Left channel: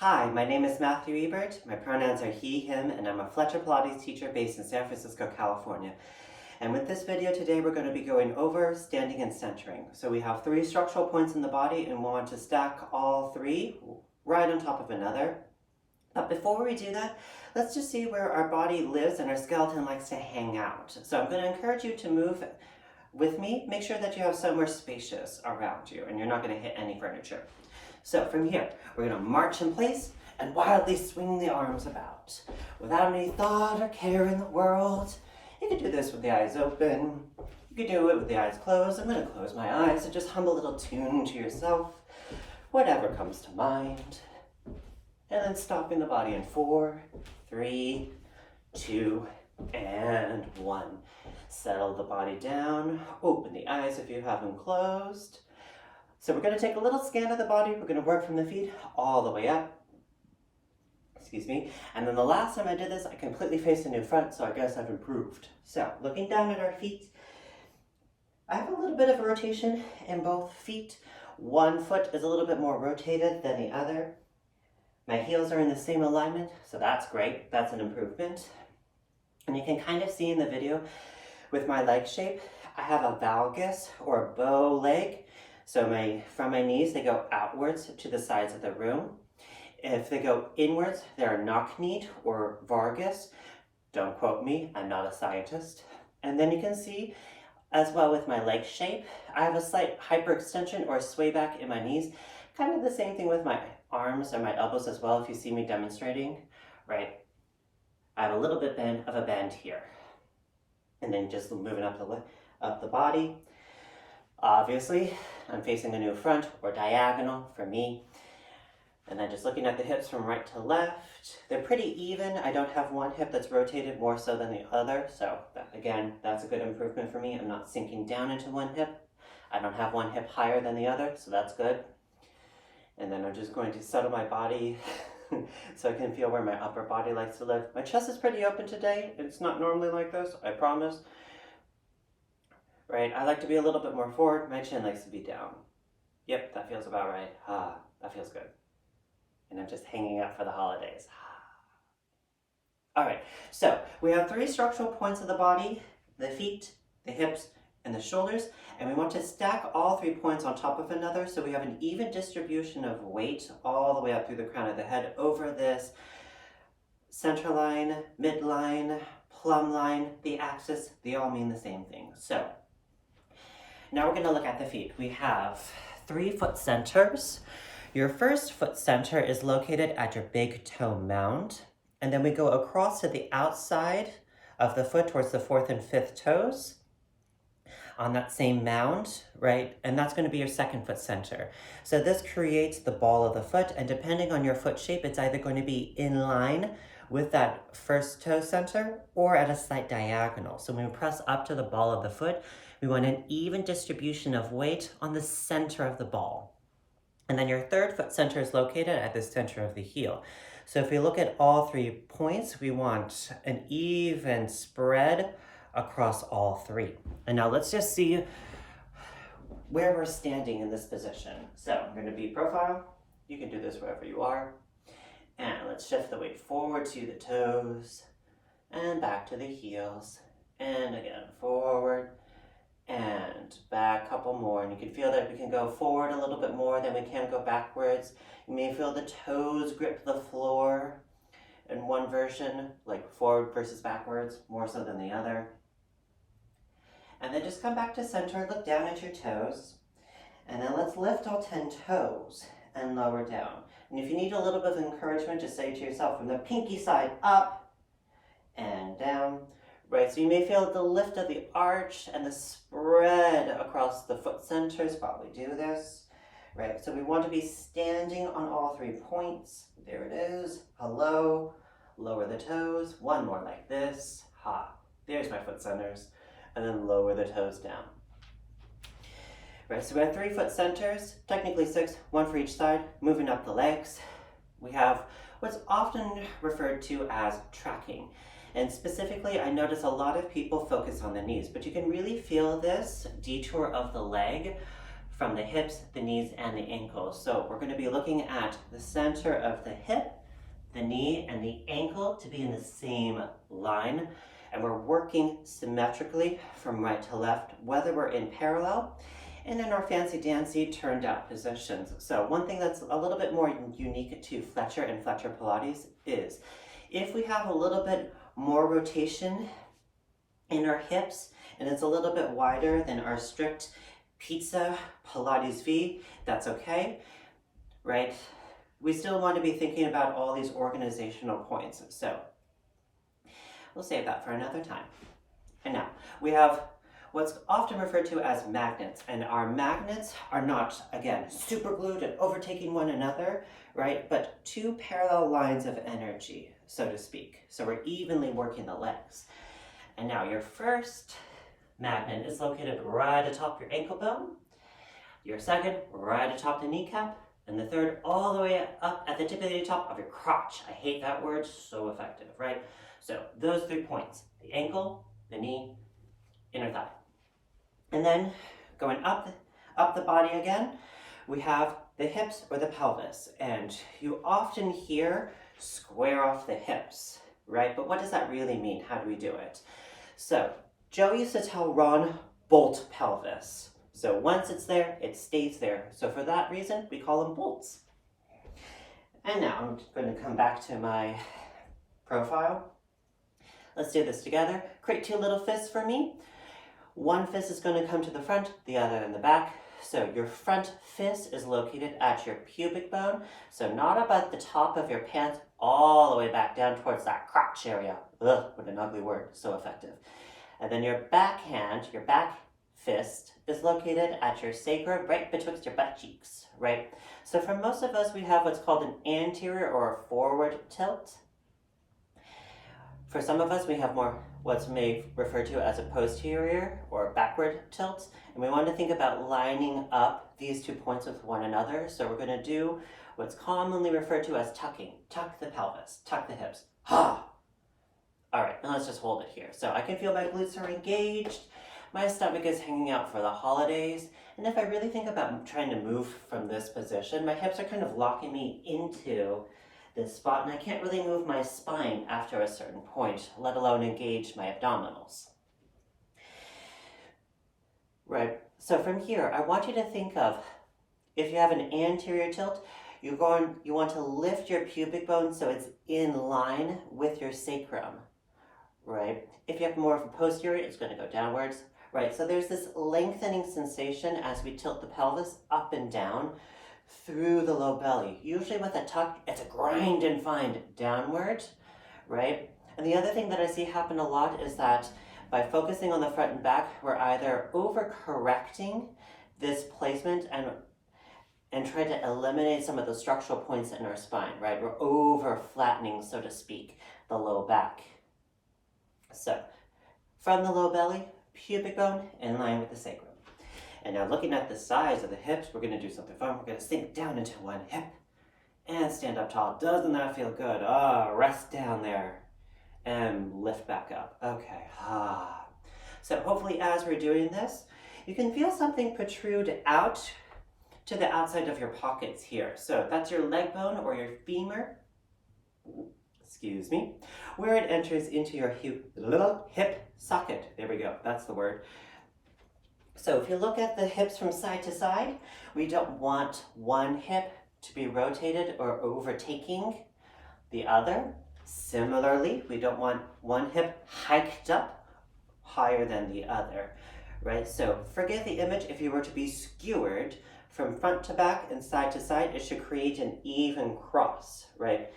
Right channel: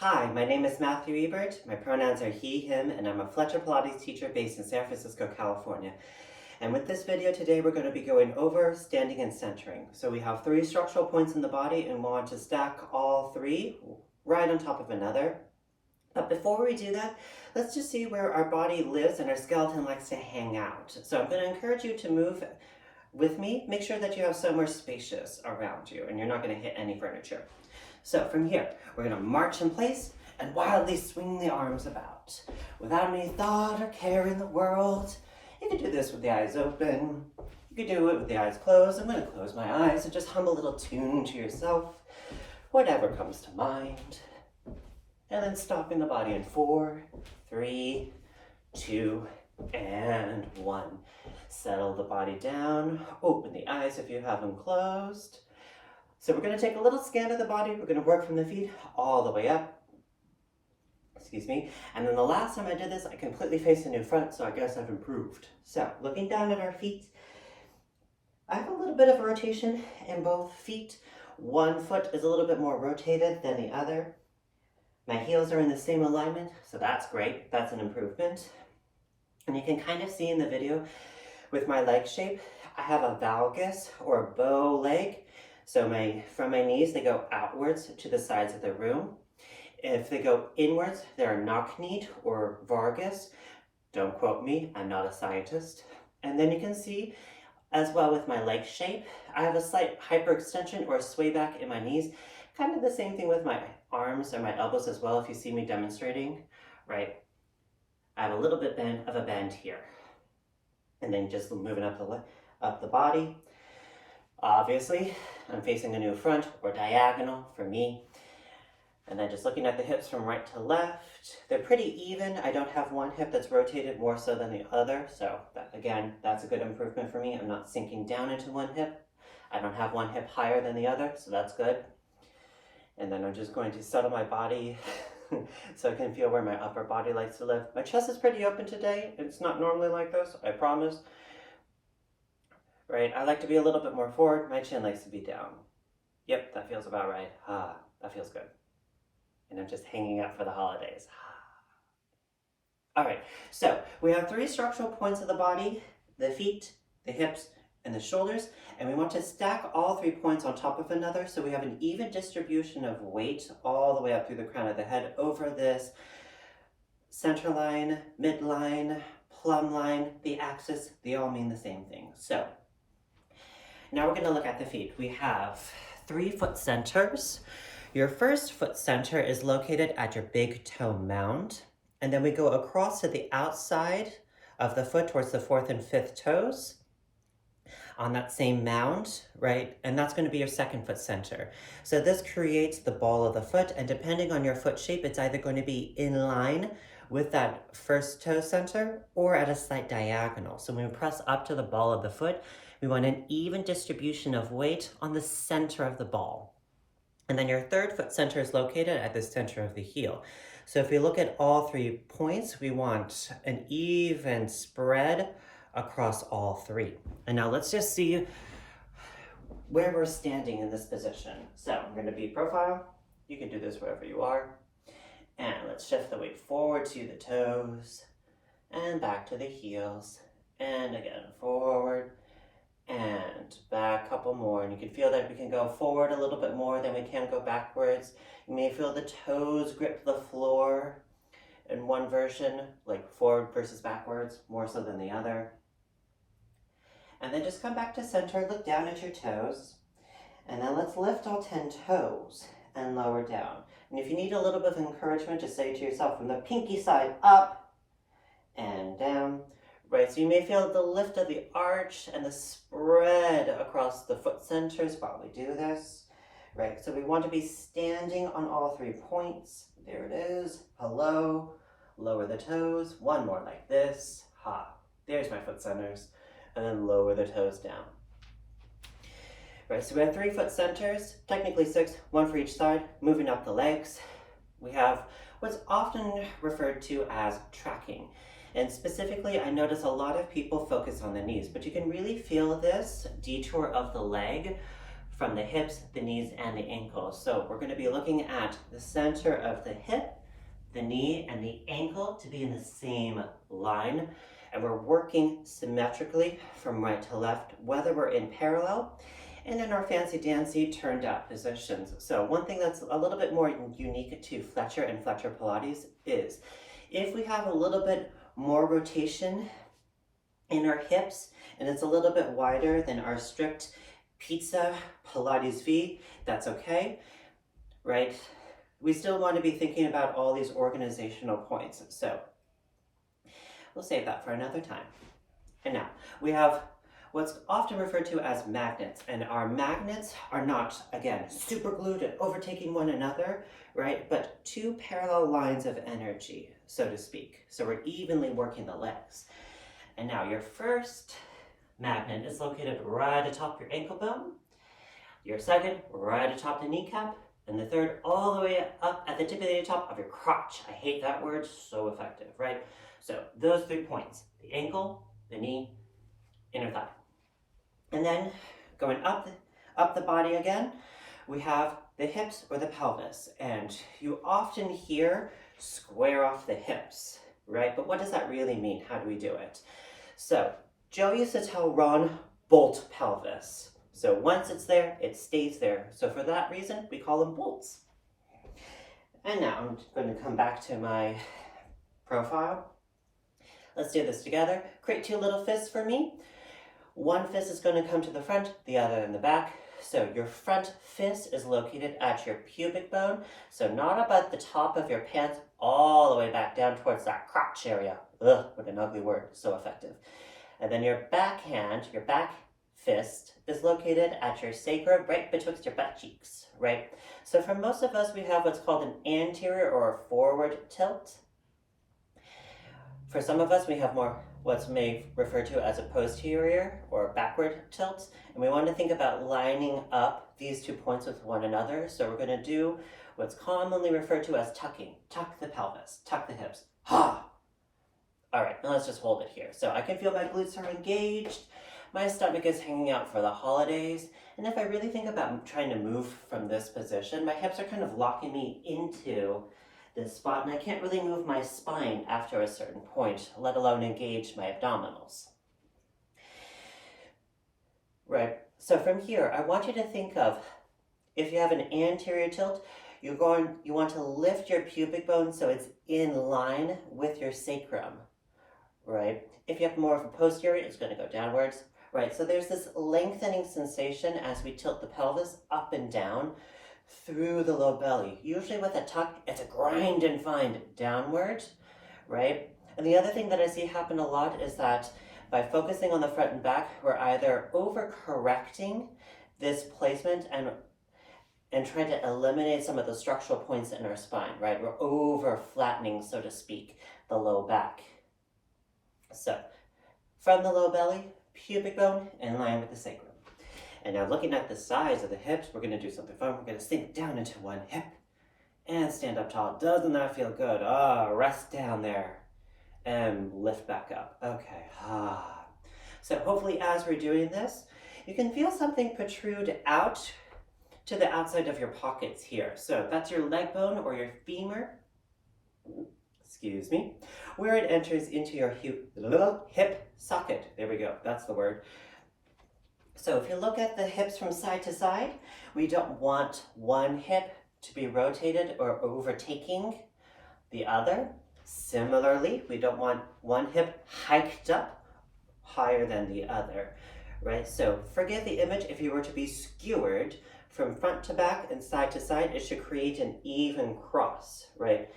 Hi, my name is Matthew Ebert. My pronouns are he, him, and I'm a Fletcher Pilates teacher based in San Francisco, California. And with this video today, we're going to be going over standing and centering. So we have 3 structural points in the body and we want to stack all 3 right on top of another. But before we do that, let's just see where our body lives and our skeleton likes to hang out. So I'm going to encourage you to move with me. Make sure that you have somewhere spacious around you and you're not going to hit any furniture. So from here, we're going to march in place and wildly swing the arms about. Without any thought or care in the world. You can do this with the eyes open. You can do it with the eyes closed. I'm going to close my eyes and just hum a little tune to yourself. Whatever comes to mind. And then stopping the body in 4, 3, 2, and 1. Settle the body down. Open the eyes if you have them closed. So we're going to take a little scan of the body. We're going to work from the feet all the way up. Excuse me. And then the last time I did this, I completely faced a new front, so I guess I've improved. So looking down at our feet, I have a little bit of rotation in both feet. One foot is a little bit more rotated than the other. My heels are in the same alignment, so that's great. That's an improvement. And you can kind of see in the video with my leg shape, I have a valgus or a bow leg. So from my knees, they go outwards to the sides of the room. If they go inwards, they're knock-kneed or vargus. Don't quote me, I'm not a scientist. And then you can see as well with my leg shape, I have a slight hyperextension or sway back in my knees. Kind of the same thing with my arms and my elbows as well, if you see me demonstrating, right? I have a little bit of a bend here. And then just moving up the body. Obviously, I'm facing a new front or diagonal for me. And then just looking at the hips from right to left. They're pretty even. I don't have one hip that's rotated more so than the other. So again, that's a good improvement for me. I'm not sinking down into one hip. I don't have one hip higher than the other, so that's good. And then I'm just going to settle my body so I can feel where my upper body likes to live. My chest is pretty open today. It's not normally like this, I promise. Right, I like to be a little bit more forward. My chin likes to be down. Yep, that feels about right. That feels good. And I'm just hanging out for the holidays. All right, so we have 3 structural points of the body, the feet, the hips, and the shoulders, and we want to stack all 3 points on top of another so we have an even distribution of weight all the way up through the crown of the head over this center line, midline, plumb line, the axis. They all mean the same thing. So now we're going to look at the feet. We have 3 foot centers. Your first foot center is located at your big toe mound. And then we go across to the outside of the foot towards the 4th and 5th toes on that same mound, right? And that's going to be your second foot center. So this creates the ball of the foot. And depending on your foot shape, it's either going to be in line with that first toe center or at a slight diagonal. So when we press up to the ball of the foot, we want an even distribution of weight on the center of the ball. And then your third foot center is located at the center of the heel. So if we look at all 3 points, we want an even spread across all 3. And now let's just see where we're standing in this position. So I'm going to be profile. You can do this wherever you are. And let's shift the weight forward to the toes and back to the heels. And again, forward and back, a couple more. And you can feel that we can go forward a little bit more than we can go backwards. You may feel the toes grip the floor in one version, like forward versus backwards, more so than the other. And then just come back to center, look down at your toes. And then let's lift all 10 toes and lower down. And if you need a little bit of encouragement, just say to yourself from the pinky side up and down. Right, so you may feel the lift of the arch and the spread across the foot centers while we do this. Right, so we want to be standing on all 3 points. There it is. Hello. Lower the toes. One more like this. Ha. There's my foot centers. And then lower the toes down. Right, so we have 3 foot centers, technically 6, 1 for each side. Moving up the legs, we have what's often referred to as tracking. And specifically, I notice a lot of people focus on the knees, but you can really feel this detour of the leg from the hips, the knees, and the ankles. So we're going to be looking at the center of the hip, the knee, and the ankle to be in the same line. And we're working symmetrically from right to left, whether we're in parallel and in our fancy dancy turned out positions. So one thing that's a little bit more unique to Fletcher and Fletcher Pilates is if we have a little bit more rotation in our hips and it's a little bit wider than our strict pizza Pilates V, that's okay, right? We still want to be thinking about all these organizational points. So we'll save that for another time. And now we have what's often referred to as magnets, and our magnets are not, again, super glued and overtaking one another, right? But two parallel lines of energy, so to speak. So we're evenly working the legs. And now your first magnet is located right atop your ankle bone, your second right atop the kneecap, and the third all the way up at the tip of the top of your crotch. I hate that word, so effective, right? So those 3 points, the ankle, the knee, inner thigh. And then going up the body again, we have the hips or the pelvis. And you often hear square off the hips, right? But what does that really mean? How do we do it? So Joe used to tell Ron, bolt pelvis. So once it's there, it stays there. So for that reason, we call them bolts. And now I'm going to come back to my profile. Let's do this together. Create 2 little fists for me. One fist is going to come to the front, the other in the back. So your front fist is located at your pubic bone. So not up at the top of your pants, all the way back down towards that crotch area. Ugh, what an ugly word, so effective. And then your back hand, your back fist, is located at your sacrum, right betwixt your butt cheeks, right? So for most of us, we have what's called an anterior or a forward tilt. For some of us, we have more what's may refer to as a posterior or backward tilt. And we want to think about lining up these 2 points with one another. So we're going to do what's commonly referred to as tucking. Tuck the pelvis, tuck the hips. Ha! All right, now let's just hold it here. So I can feel my glutes are engaged. My stomach is hanging out for the holidays. And if I really think about trying to move from this position, my hips are kind of locking me into this spot, and I can't really move my spine after a certain point, let alone engage my abdominals. Right, so from here, I want you to think of, if you have an anterior tilt, you want to lift your pubic bone so it's in line with your sacrum, right? If you have more of a posterior, it's going to go downwards, right? So there's this lengthening sensation as we tilt the pelvis up and down through the low belly. Usually with a tuck, it's a grind and find downward, right? And the other thing that I see happen a lot is that by focusing on the front and back, we're either over-correcting this placement and trying to eliminate some of the structural points in our spine, right? We're over-flattening, so to speak, the low back. So from the low belly, pubic bone in line with the sacrum. And now looking at the size of the hips, we're going to do something fun. We're going to sink down into one hip and stand up tall. Doesn't that feel good? Rest down there and lift back up. Okay. So hopefully as we're doing this, you can feel something protrude out to the outside of your pockets here. So that's your leg bone or your femur, excuse me, where it enters into your hip socket. There we go. That's the word. So if you look at the hips from side to side, we don't want one hip to be rotated or overtaking the other. Similarly, we don't want one hip hiked up higher than the other, right? So forget the image. If you were to be skewered from front to back and side to side, it should create an even cross, right?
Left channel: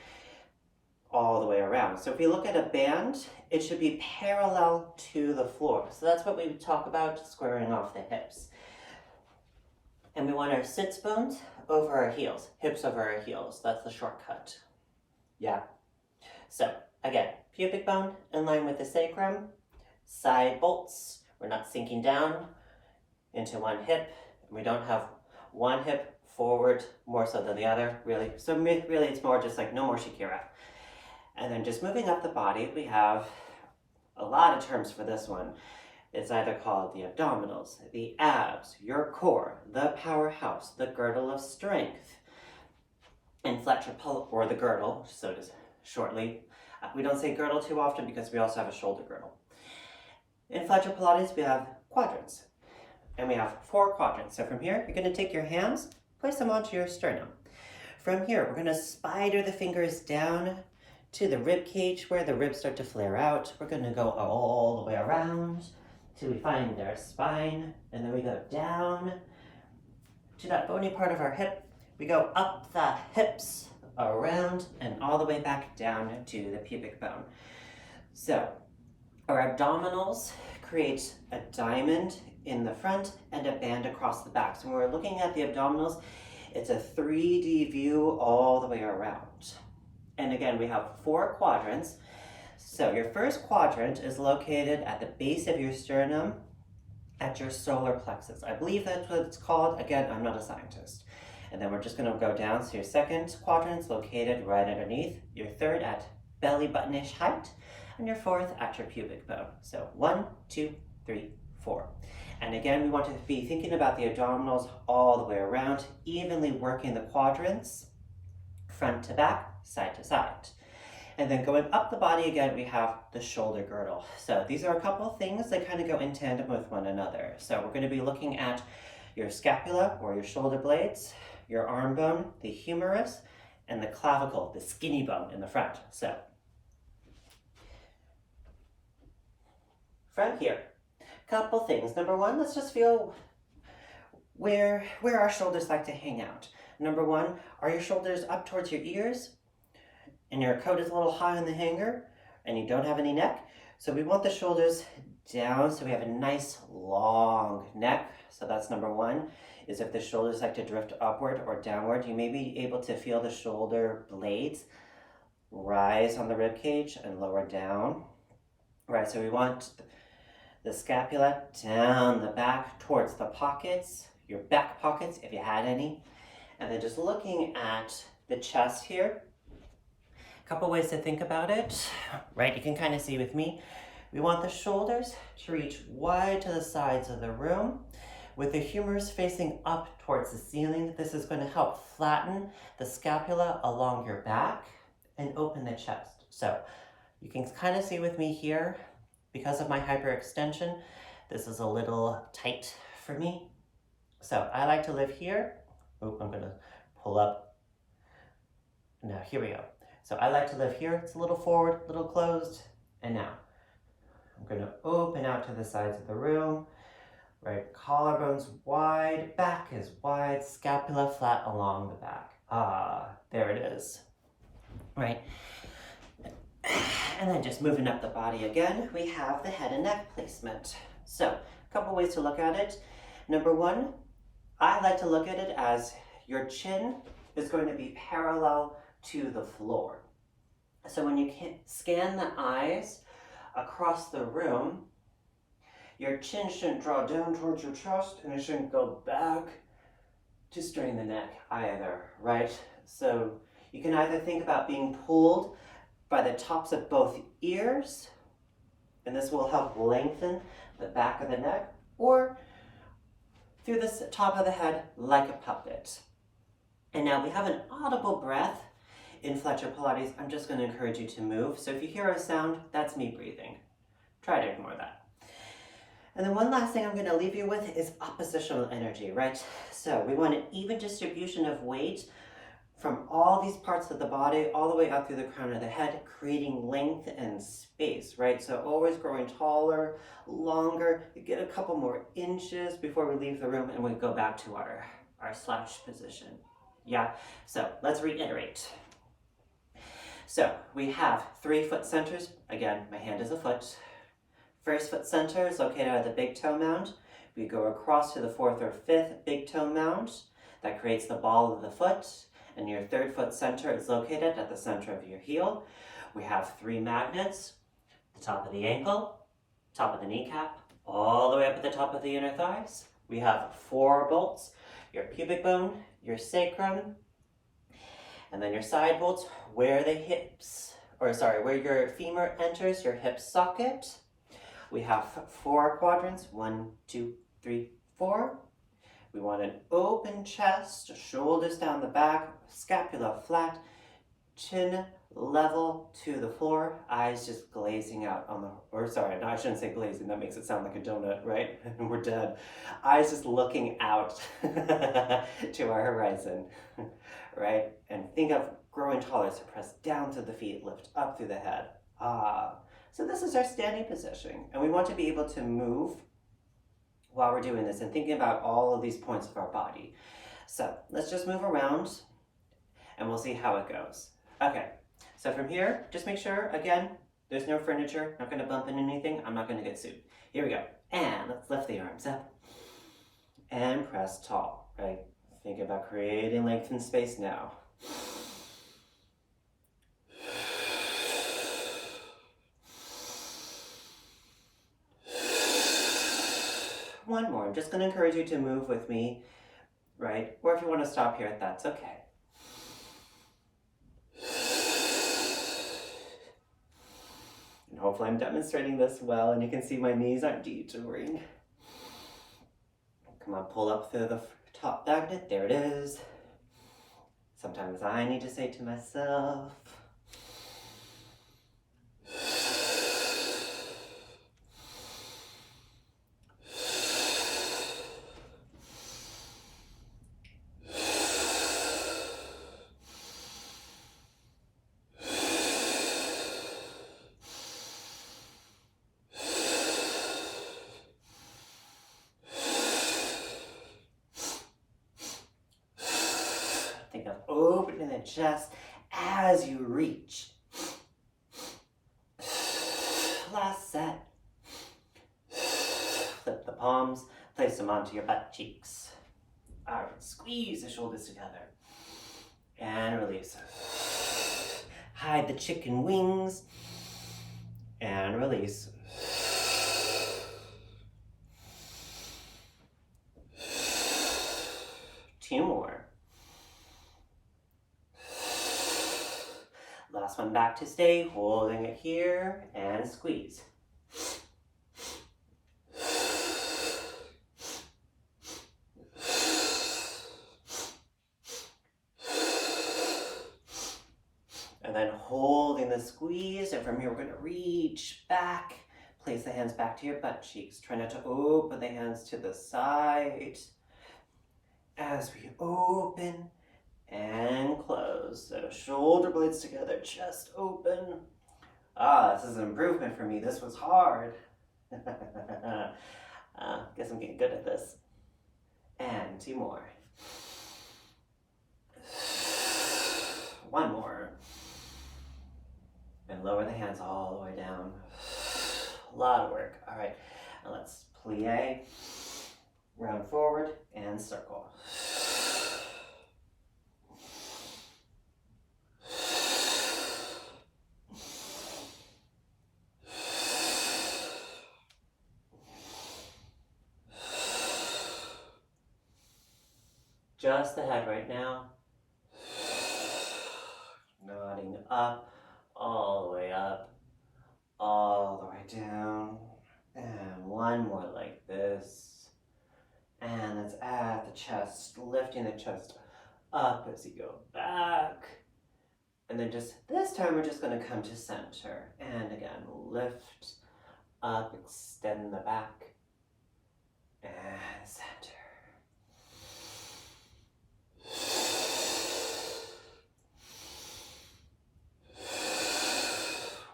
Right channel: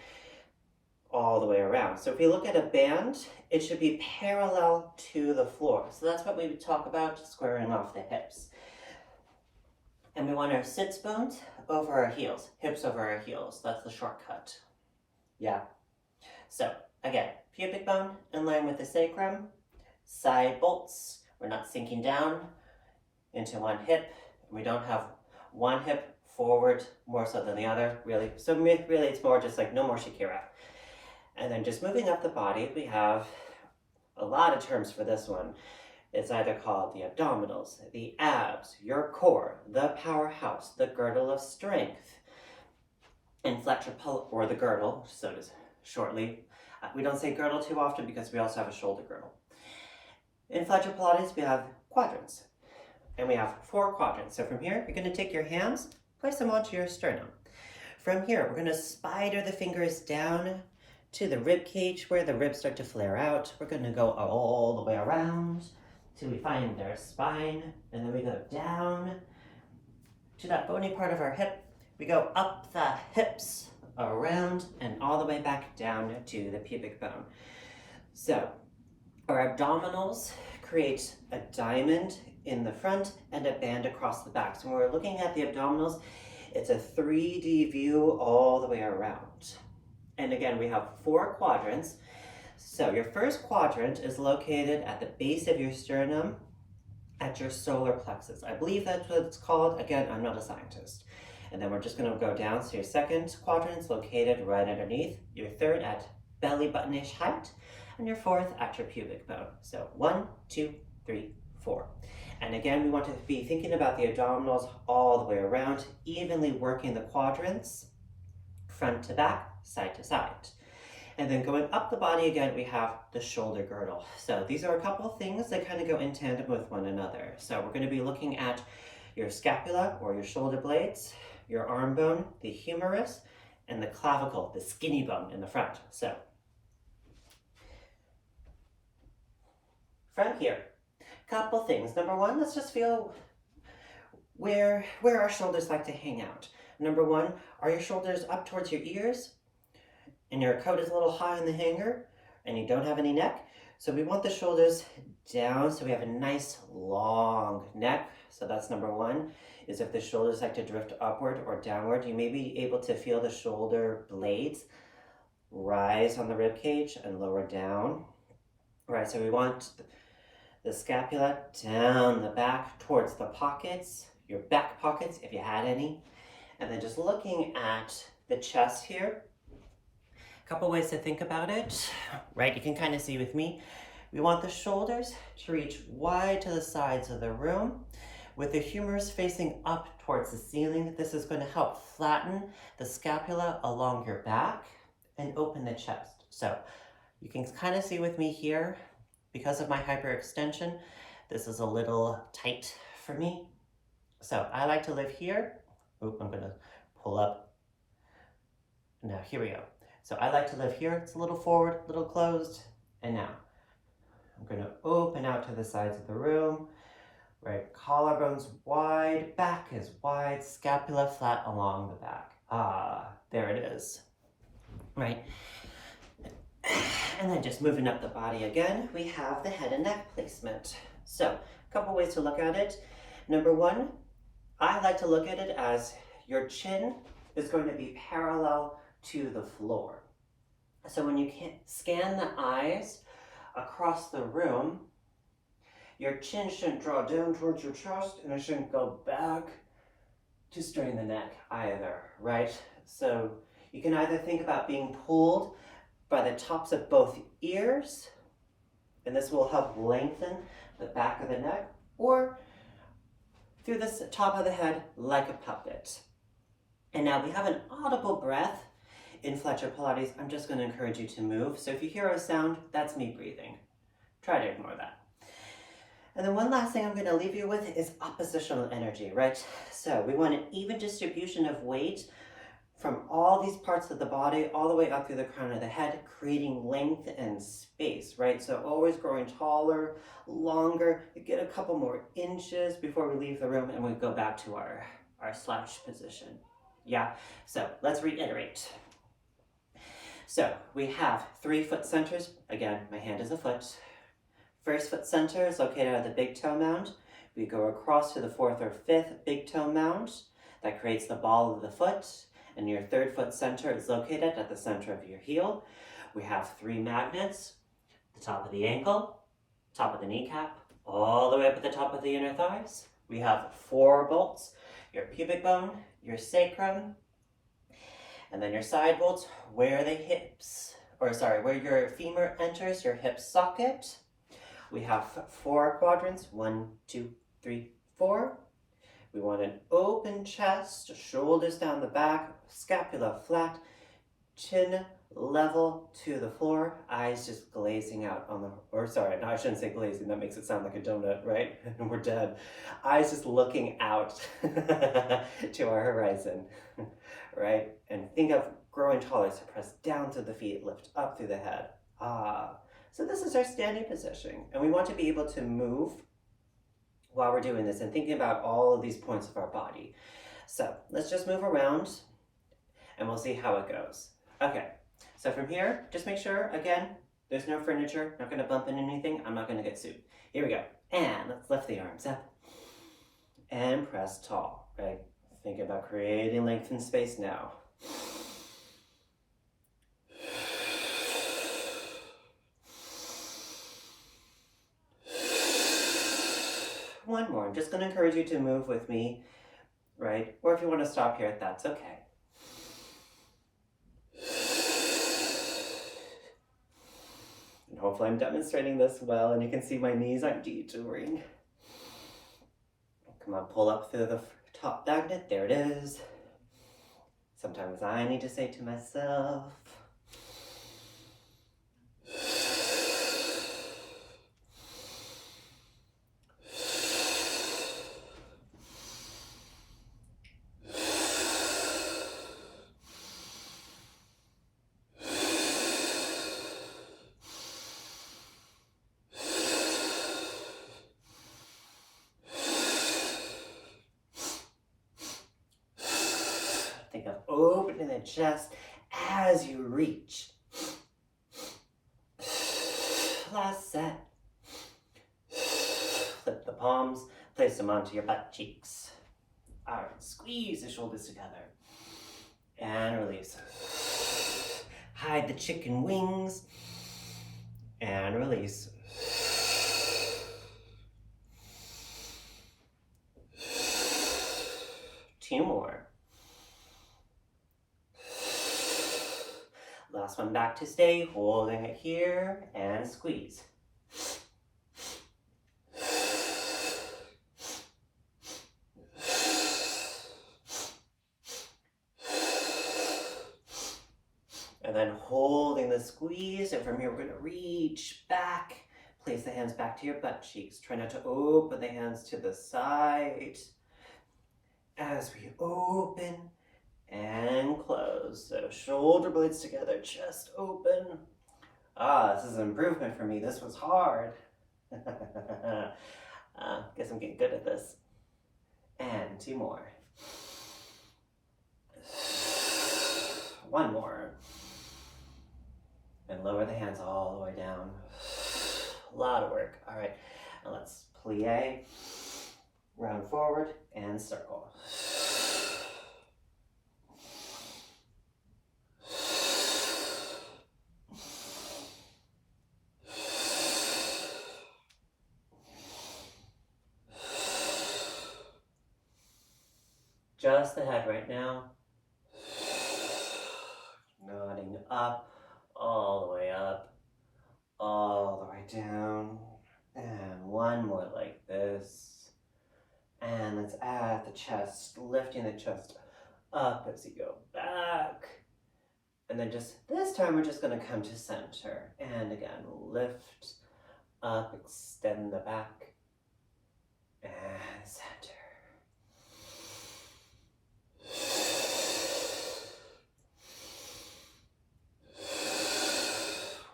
All the way around. So if you look at a band, it should be parallel to the floor. So that's what we would talk about, squaring off the hips. And we want our sits bones over our heels, hips over our heels. That's the shortcut. Yeah. So again, pubic bone in line with the sacrum, side bolts. We're not sinking down into one hip. We don't have one hip forward more so than the other, really. So really it's more just like no more Shakira. And then just moving up the body, we have a lot of terms for this one. It's either called the abdominals, the abs, your core, the powerhouse, the girdle of strength, or the girdle, so it is shortly. We don't say girdle too often because we also have a shoulder girdle. In Fletcher Pilates, we have quadrants, and we have 4 quadrants. So from here, you're going to take your hands, place them onto your sternum. From here, we're going to spider the fingers down to the rib cage where the ribs start to flare out. We're going to go all the way around till we find our spine, and then we go down to that bony part of our hip. We go up the hips, around, and all the way back down to the pubic bone. So our abdominals create a diamond in the front and a band across the back. So when we're looking at the abdominals, it's a 3D view all the way around. And again, we have 4 quadrants. So your first quadrant is located at the base of your sternum at your solar plexus. I believe that's what it's called. Again, I'm not a scientist. And then we're just going to go down. So your second quadrant is located right underneath. Your third at belly button-ish height. And your fourth at your pubic bone. So 1, 2, 3, 4. And again, we want to be thinking about the abdominals all the way around, evenly working the quadrants, front to back, side to side. And then going up the body again, we have the shoulder girdle. So these are a couple of things that kind of go in tandem with one another. So we're going to be looking at your scapula or your shoulder blades, your arm bone, the humerus, and the clavicle, the skinny bone in the front. So from here, couple things. Number 1, let's just feel where our shoulders like to hang out. Number 1, are your shoulders up towards your ears and your coat is a little high on the hanger and you don't have any neck? So we want the shoulders down so we have a nice long neck. So that's number 1, is if the shoulders like to drift upward or downward, you may be able to feel the shoulder blades rise on the rib cage and lower down. Right, so we want the scapula down the back towards the pockets, your back pockets if you had any. And then just looking at the chest here, a couple ways to think about it, right? You can kind of see with me. We want the shoulders to reach wide to the sides of the room with the humerus facing up towards the ceiling. This is going to help flatten the scapula along your back and open the chest. So you can kind of see with me here, because of my hyperextension, this is a little tight for me. So I like to live here. Oop, I'm gonna pull up. Now, here we go. So I like to live here. It's a little forward, a little closed. And now, I'm gonna open out to the sides of the room. Right, collarbones wide, back is wide, scapula flat along the back. Ah, there it is. Right. And then just moving up the body again, we have the head and neck placement. So a couple ways to look at it. Number 1, I like to look at it as your chin is going to be parallel to the floor. So when you scan the eyes across the room, your chin shouldn't draw down towards your chest and it shouldn't go back to strain the neck either, right? So you can either think about being pulled by the tops of both ears, and this will help lengthen the back of the neck, or through the top of the head like a puppet. And now we have an audible breath in Fletcher Pilates. I'm just going to encourage you to move. So if you hear a sound, that's me breathing. Try to ignore that. And then one last thing I'm going to leave you with is oppositional energy, right? So we want an even distribution of weight from all these parts of the body all the way up through the crown of the head, creating length and space, right? So always growing taller, longer. You get a couple more inches before we leave the room and we go back to our slouch position. Yeah, so let's reiterate. So we have 3 foot centers. Again, my hand is a foot. First foot center is located at the big toe mound. We go across to the 4th or 5th big toe mound. That creates the ball of the foot. And your 3rd foot center is located at the center of your heel. We have 3 magnets, the top of the ankle, top of the kneecap, all the way up at the top of the inner thighs. We have 4 bolts, your pubic bone, your sacrum, and then your side bolts where the hips, where your femur enters your hip socket. We have 4 quadrants, 1, 2, 3, 4. We want an open chest, shoulders down the back, scapula flat, chin level to the floor, eyes just glazing out on the, or sorry, no, I shouldn't say glazing, that makes it sound like a donut, right? We're dead. Eyes just looking out to our horizon, right? And think of growing taller, so press down through the feet, lift up through the head. So this is our standing position, and we want to be able to move while we're doing this and thinking about all of these points of our body. So let's just move around and we'll see how it goes. Okay, so from here, just make sure, again, there's no furniture, not gonna bump into anything, I'm not gonna get sued. Here we go. And let's lift the arms up and press tall, right? Think about creating length and space now. One more. I'm just going to encourage you to move with me, right? Or if you want to stop here, that's okay. And hopefully I'm demonstrating this well and you can see my knees aren't detouring. Come on, pull up through the top magnet. There it is. Sometimes I need to say to myself, think of opening the chest as you reach. Last set. Flip the palms, place them onto your butt cheeks. All right, squeeze the shoulders together. And release. Hide the chicken wings. And release. Two more. Last one back to stay, holding it here, and squeeze. And then holding the squeeze, and from here we're going to reach back. Place the hands back to your butt cheeks. Try not to open the hands to the side. As we open and close. So shoulder blades together, chest open. This is an improvement for me. This was hard. Guess I'm getting good at this. And two more. One more. And lower the hands all the way down. A lot of work. All right, now let's plie, round forward, and circle. Just the head right now. Nodding up, all the way up, all the way down. And one more like this. And let's add the chest, lifting the chest up as you go back. And then just this time we're just going to come to center. And again, lift up, extend the back, and center.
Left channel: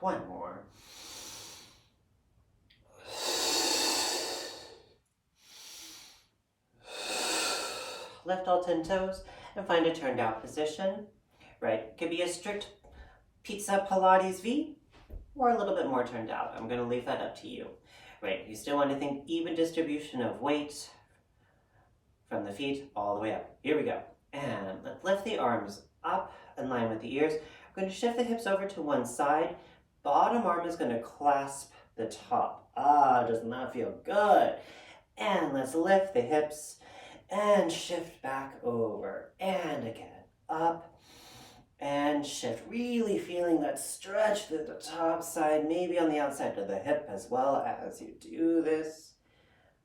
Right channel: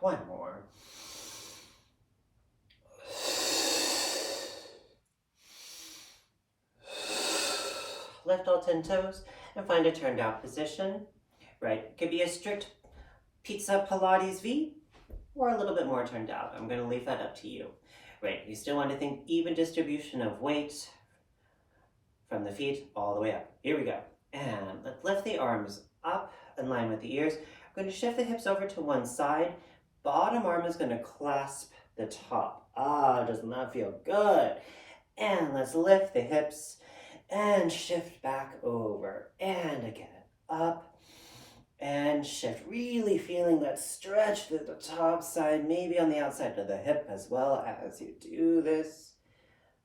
One more. Lift all 10 toes and find a turned out position, right? It could be a strict pizza Pilates V or a little bit more turned out. I'm going to leave that up to you, right? You still want to think even distribution of weight from the feet all the way up. Here we go. And let's lift the arms up in line with the ears. We're going to shift the hips over to one side. Bottom arm is going to clasp the top. Does not feel good. And let's lift the hips and shift back over. And again, up And shift, really feeling that stretch through the top side, maybe on the outside of the hip as well as you do this.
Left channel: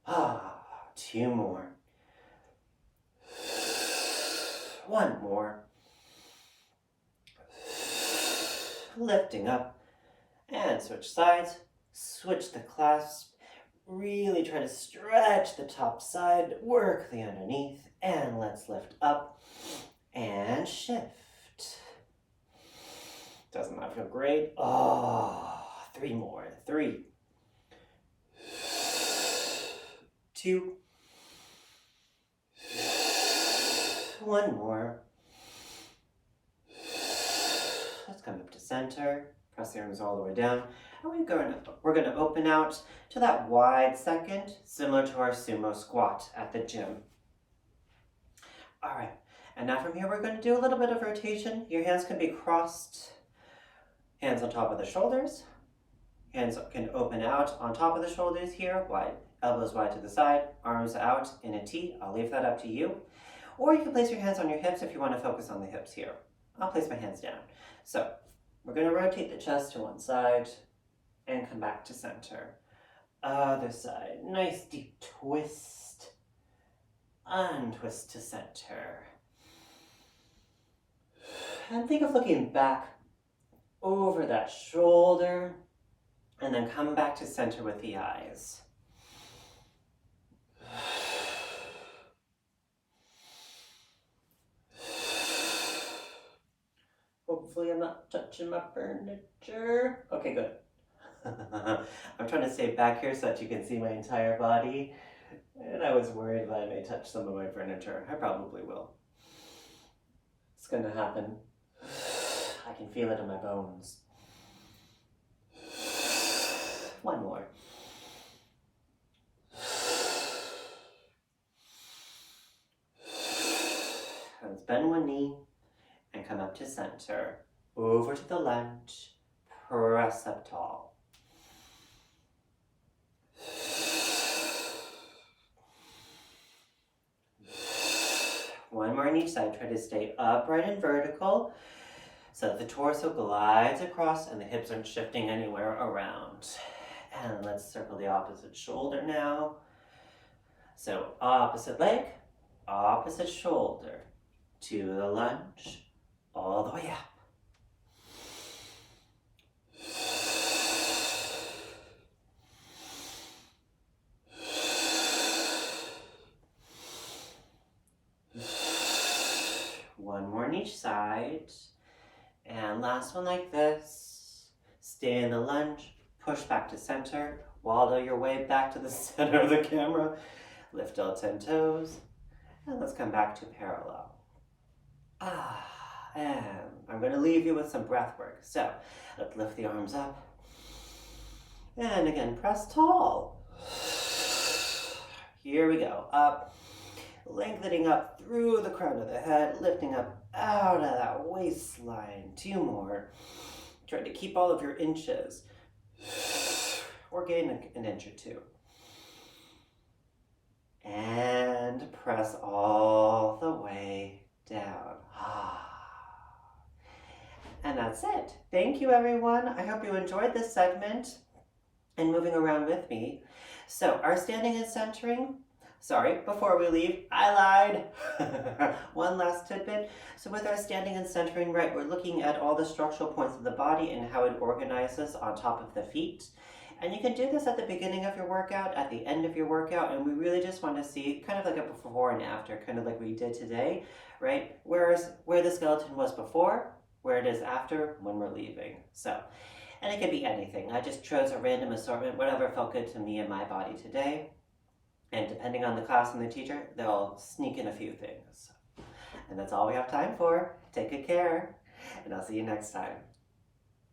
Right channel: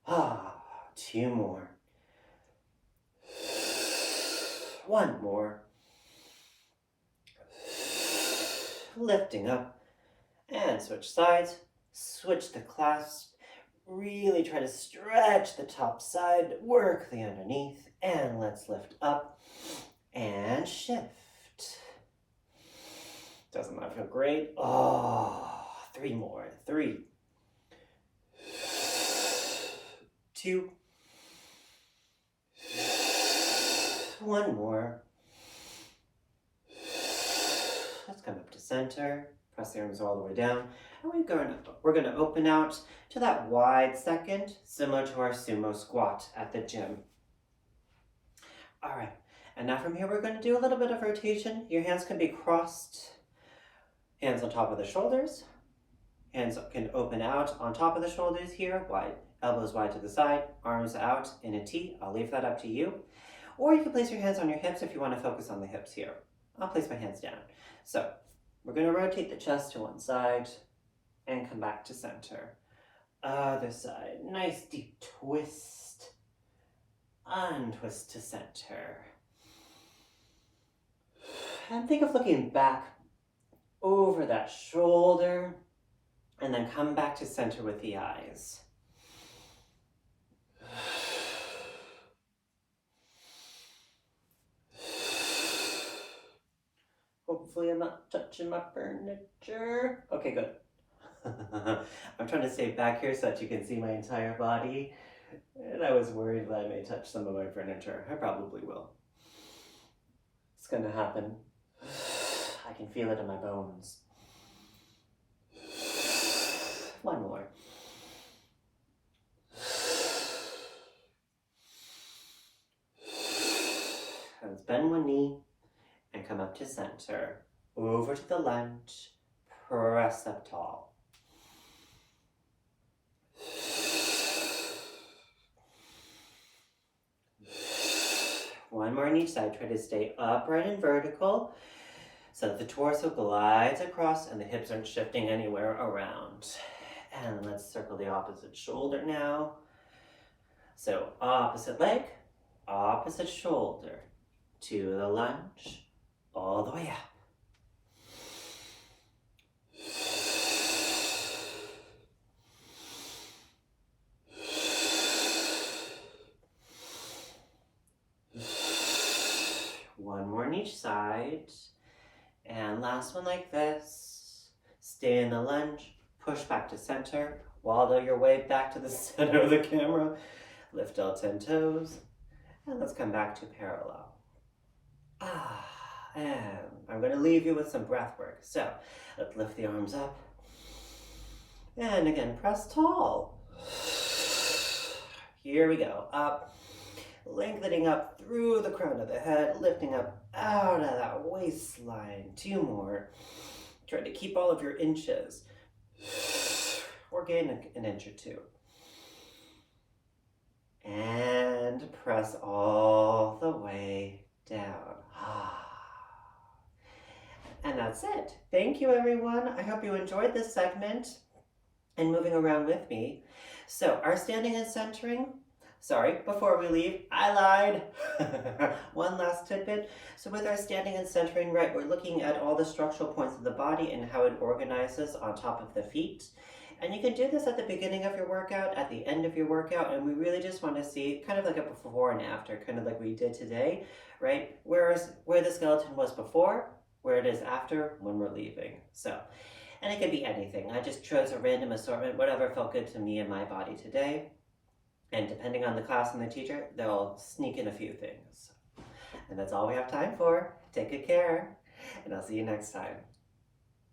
2 more. 1 more. Lifting up and switch sides. Switch the clasp. Really try to stretch the top side, work the underneath, and let's lift up and shift. Doesn't that feel great? 3 more. 3, 2, 1 more. Let's come up to center. Press the arms all the way down. And we're going to open out to that wide second, similar to our sumo squat at the gym. All right. And now from here, we're going to do a little bit of rotation. Your hands can be crossed. Hands on top of the shoulders. Hands can open out on top of the shoulders here, wide. Elbows wide to the side, arms out in a T. I'll leave that up to you. Or you can place your hands on your hips if you want to focus on the hips here. I'll place my hands down. So we're going to rotate the chest to one side and come back to center. Other side. Nice deep twist. Untwist to center. And think of looking back over that shoulder and then come back to center with the eyes. Hopefully I'm not touching my furniture. Okay, good. I'm trying to stay back here so that you can see my entire body. And I was worried that I may touch some of my furniture. I probably will. It's gonna happen. I can feel it in my bones. 1 more. Let's bend one knee and come up to center. Over to the lunge. Press up tall. One more on each side. Try to stay upright and vertical so that the torso glides across and the hips aren't shifting anywhere around. And let's circle the opposite shoulder now. So opposite leg, opposite shoulder. To the lunge, all the way up. One more on each side. And last one like this. Stay in the lunge, push back to center, waddle your way back to the center of the camera. Lift all 10 toes, and let's come back to parallel. And I'm going to leave you with some breath work. So let's lift the arms up. And again, press tall. Here we go. Up, lengthening up through the crown of the head, lifting up out of that waistline. 2 more. Try to keep all of your inches. Or gain an inch or 2. And press all the way down. And that's it. Thank you, everyone. I hope you enjoyed this segment and moving around with me. So our standing and centering, sorry, before we leave, I lied. One last tidbit. So with our standing and centering, right, we're looking at all the structural points of the body and how it organizes on top of the feet. And you can do this at the beginning of your workout, at the end of your workout, and we really just want to see kind of like a before and after, kind of like we did today, right? Where the skeleton was before, where it is after when we're leaving. So, and it could be anything. I just chose a random assortment, whatever felt good to me and my body today. And depending on the class and the teacher, they'll sneak in a few things. And that's all we have time for. Take good care, and I'll see you next time.